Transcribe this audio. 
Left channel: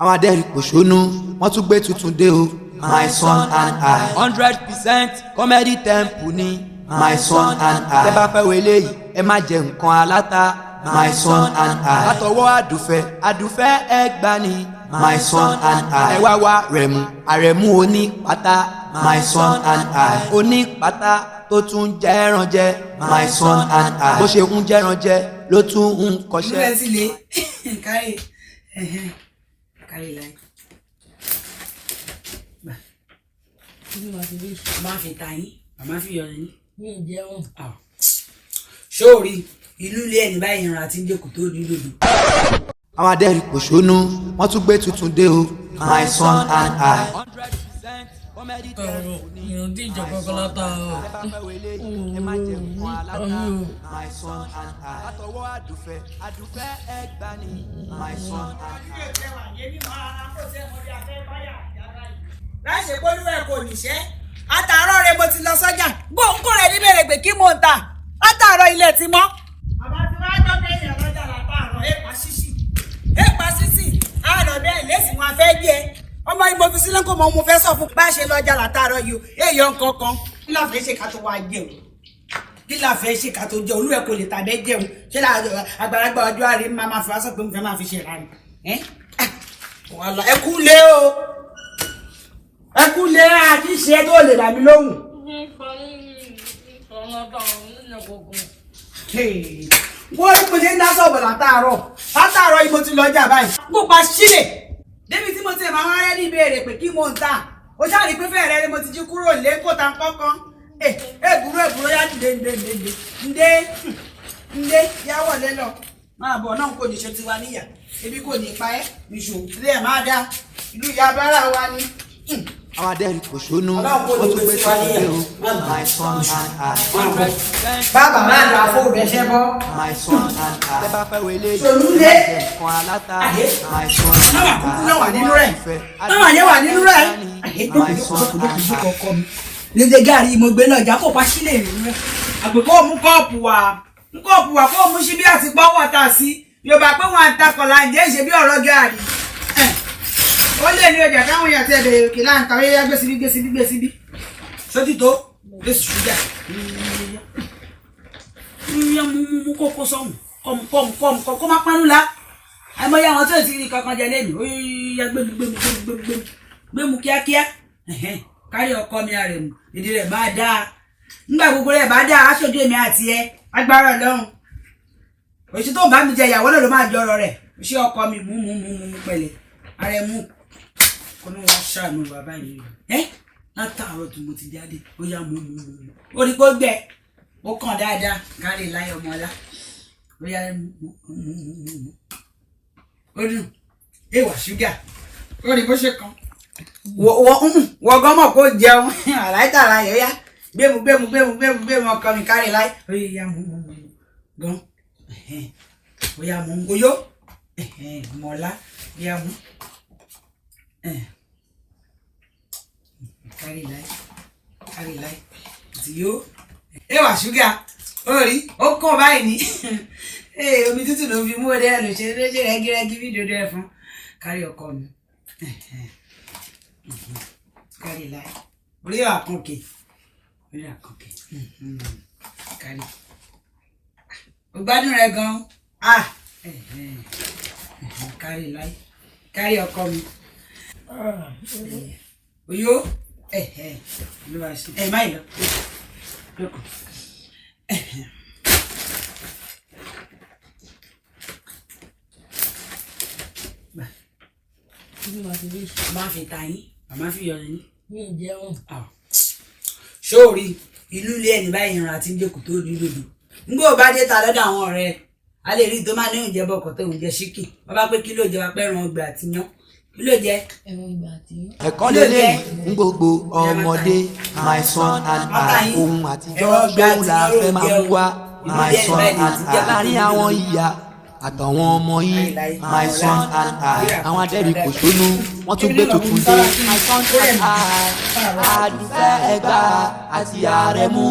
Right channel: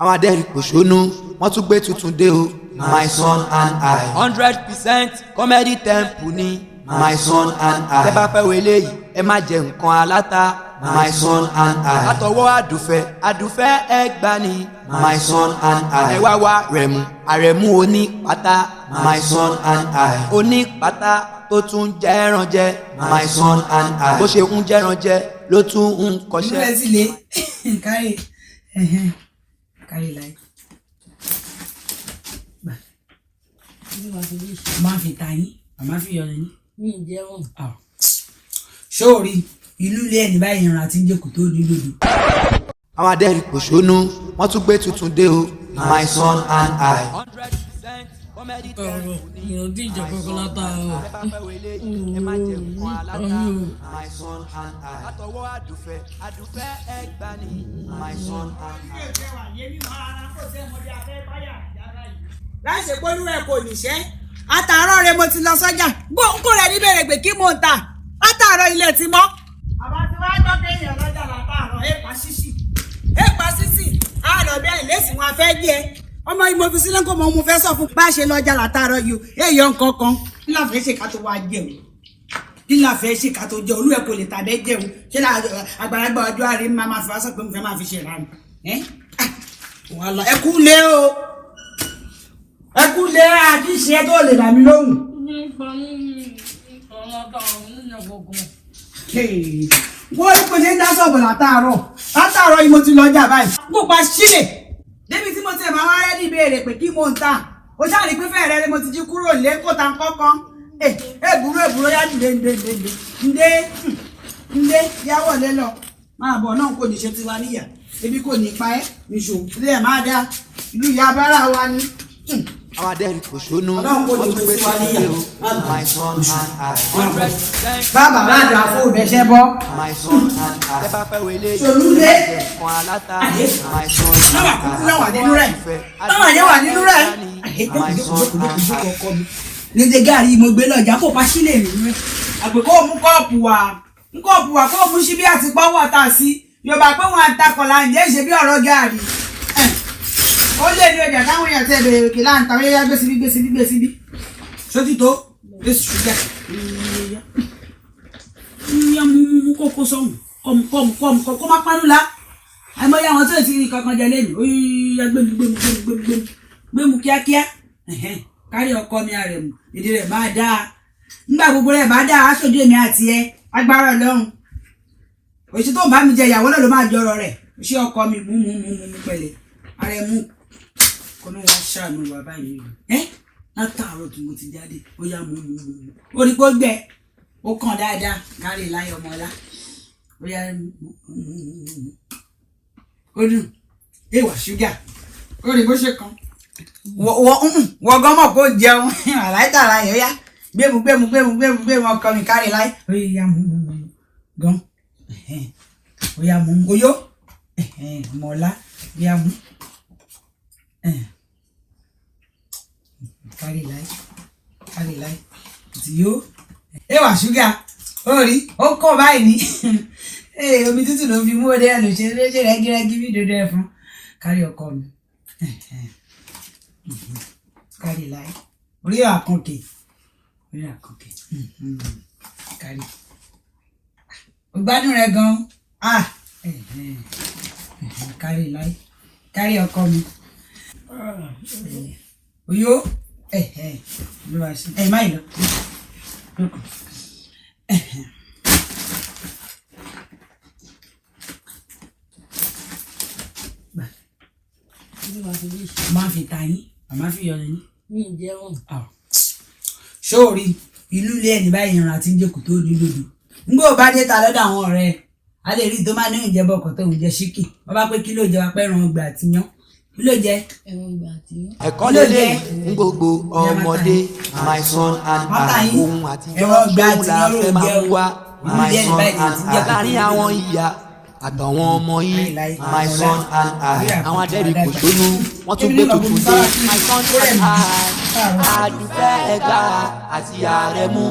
àwọn adẹ́rìn pòṣónú wọ́n tún gbé tuntun dé o. My son and I. 100% comedy temple ni. My son and I. tẹ́ bá fẹ́ wo eléyìí ẹ má jẹ nǹkan aláta. My son and I. látọwọ́ àdùfẹ́ ẹgbà ni. My son and I. ẹ wá rẹ̀mú àrẹ̀mú oní pátá. My son and I. oní pátá tó tún jẹ́ ẹran jẹ. My son and I. bó ṣe ń jẹ́ran jẹ ló tún ń kọ́ṣẹ́. kárí láì. máa fi ta yín àmọ́ fi yọ yín. mi ì jẹun. sóòrì ìlú ilé ẹni báyìí ìran àti jẹkù tó ní lòdù. àwọn adẹ́rìn pòṣónú wọ́n tún gbé tuntun dé o. My son and I. 100% comedy temple ni. ìròdì ìjọba kọlọta. tẹ́ bá fẹ́ wo eléyìí ẹ má jẹ nǹkan aláta. My son and I. látọwọ́ àdùfẹ́ ẹgbà ni. My son and I. láì ṣe polówó ẹ kò níṣẹ́ àtàárọ̀ rẹ mo ti lọ sọ́jà gbóǹkó rẹ níbẹ̀rẹ̀ pé kí mò ń tà látàárọ̀ ilẹ̀ ti mọ́. àbá tí wàá gbọ́ pé èèyàn lọ́jà látàárọ̀ èèpà ṣíṣì àádọ́ bẹ́ẹ̀ lẹ́sìn wọn fẹ́ jẹ ọmọ yìí mo fi sílẹ̀ kó mọ mo fẹ́ sọ fún bá a ṣe lọ́jà látàárọ̀ yìí o èèyàn kankan kí la fẹ́ ṣe ká tó wá jẹun kí la fẹ́ ṣe ká tó jẹun olú ẹ kò lè tàbẹ́ jẹun ṣé àgbàlagbà ọjọ́ àrí máa fi wá sọ pé mo fẹ́ máa fi ṣe ìlànà ẹ kú lé o ẹ kú lé àdìsí ẹ tó lè dà mí lóhùn. wọ́n ní kò ṣe ń dá sọ̀bù látàárọ̀ yìí mo ti lọ jà báyìí. mo pa sílẹ̀ débi tí mo ti máa wá rẹ́dí ìbéèrè pé kí mo ń tà ó ṣáà ní pé fẹ́ẹ̀rẹ́ ni mo ti jí kúrò lẹ́kọ̀ọ́ta kọ́kọ́ èbúrò yá ǹdé yáwó lé lọ máa bọ̀ náà kò ní ṣe tiwa níyà ebi kò ní pa ẹ́ níṣòwò ilé ẹ̀ máa dá ìlú ìyá bára wa ni. àwọn adẹ́rìn pòṣónú wọ́n tún gbé tuntun dé o. My son and I. 100% bàbá máa dà fún òbẹ̀ṣẹ́ bọ́. My son and I. tẹ́ bá fẹ́ wo eléyìí ẹ má jẹ nǹkan aláta. My son and I. náwà nínú rẹ̀ My son and I. nílé gàrí mo gbé lọ́jà kó pa sílẹ̀ nínú àgbẹ̀kọ́ mú kọ́ọ̀pù wá kó mú síbí àti pọ́wọ́ ta sí yorùbá pé wọn àtakọ̀lá ǹjẹ́ ìṣe bí ọ̀rọ̀ gàrí ó lé ní ọjà táwọn èèyàn tẹ̀ bẹ̀rẹ̀ òkè láǹtà ó yẹ gbé síbí sótì tó lẹ́sù ṣúgà yíyan mú kókó sọ́hùn kọ́ má pánú la àmọ́yá àwọn tó ti rí kankan jẹ lẹ́nu ó yẹ gbému kíákíá kárí ọkọ mi rẹ̀ mú èdè rẹ̀ máa dáa nígbà gbogbo rẹ̀ bá dáa aṣojú èmi àti ẹ agbára Ọlọ́run òṣì tó bá mi jẹ ìyàwó náà ló máa jọrọ rẹ̀ ṣé ọkọ mi mú pẹ̀lẹ́ ààrẹ mú kó ní wọn ṣàánú wà báyìí látàárọ̀ tí mo ti jáde ó yá mú ó ní kó gbẹ ó kàn dáadáa kárí láyé ọmọlá ó yá ó dùn èèwà ṣúgà ó ní bó ṣe kan wọ́n gọ́mọ̀ kó jẹun àláìtàrà yóò yá gbému ọkọ mi kárí láyé ó yá mú gan ó yá mú oyó mọ̀ọ́lá bí a mú kárí láyé tí yóò èèwà ṣúgà ó rí ó kọ́ báyìí ní omi tútù ló fi mú ọdẹ lò ṣe rẹ́gírẹ́gí bí dodo ẹ̀ fún kárí ọkọ mi kárí láyé orí àkànkè kárí ó gbádùn rẹ gan kárí láyé kárí ọkọ mi oyó olúwa ṣe má ìlọ máa fi ta yín àmọ́ fi yọ yín. mi ì jẹun. sóòrì ìlú ilé ẹni báyìí ìran àti jẹkù tó ní lòdù ngbọ́ bá dé ta lọ́dọ̀ àwọn ọ̀rẹ́ ẹ̀ a lè rí tó máa lóyún jẹ bọkọ tó ń jẹ ṣíkì wọn bá pé kí ló jẹ wá pé ẹran ọgbà àti yan kí ló jẹ. ẹ̀kọ́ lélẹ́yìí ń gbogbo ọmọdé. My son and I. ohun àtijọ́ gbóhùn la fẹ́ máa mú wá. My son and I. láàrin àwọn ìyá àtàwọn ọmọ yín. My son and I. àwọn adẹ́rìn pòṣónú wọ́n tún gbé tuntun dé. My son and I. àdùfẹ́ ẹgbà àti àrẹ̀mú.